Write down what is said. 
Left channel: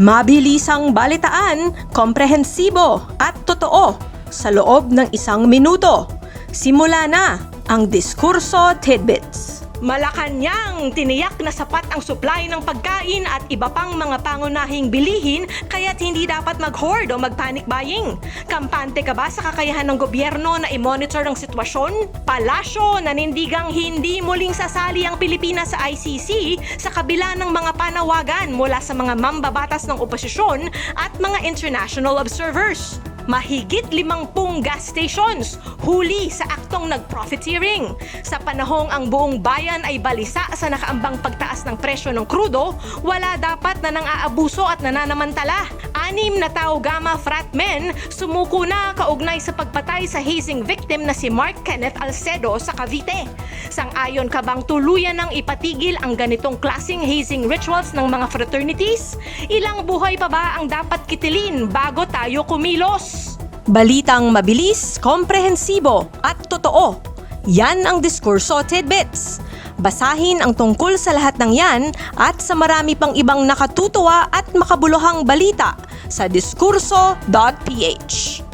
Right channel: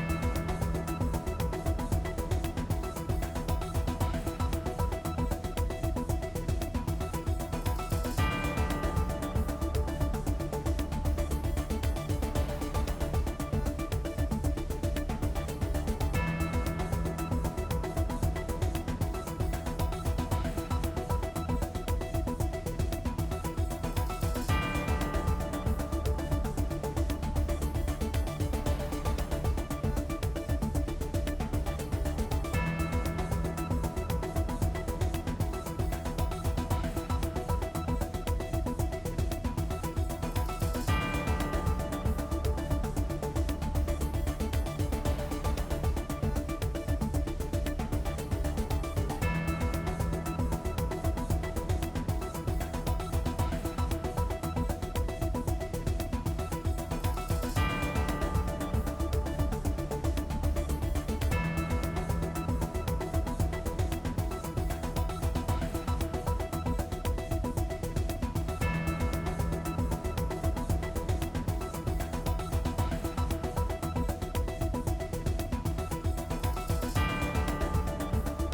Mabilisang balitaan, komprehensibo at totoo sa loob ng 1 minuto. Simula na ang Diskurso Tidbits. Malacanang tiniyak na sapat ang supply ng pagkain at iba pang mga pangunahing bilihin kaya't hindi dapat mag-hoard o mag-panic buying. Kampante ka ba sa kakayahan ng gobyerno na i-monitor ang sitwasyon? Palasyo, nanindigang hindi muling sasali ang Pilipinas sa ICC sa kabila ng mga panawagan mula sa mga mambabatas ng oposisyon at mga international observers. Mahigit 50 gas stations huli sa aktong nag-profiteering. Sa panahong ang buong bayan ay balisa sa nakaambang pagtaas ng presyo ng krudo, wala dapat na nang-aabuso at nananamantala. 6 na Tau Gama frat men sumuko na kaugnay sa pagpatay sa hazing victim na si Mark Kenneth Alcedo sa Cavite. Sang-ayon ka bang tuluyan ng ipatigil ang ganitong klaseng hazing rituals ng mga fraternities? Ilang buhay pa ba ang dapat kitilin bago tayo kumilos? Balitang mabilis, komprehensibo at totoo. Yan ang Diskurso Tidbits. Basahin ang tungkol sa lahat ng yan at sa marami pang ibang nakatutuwa at makabuluhang balita sa diskurso.ph.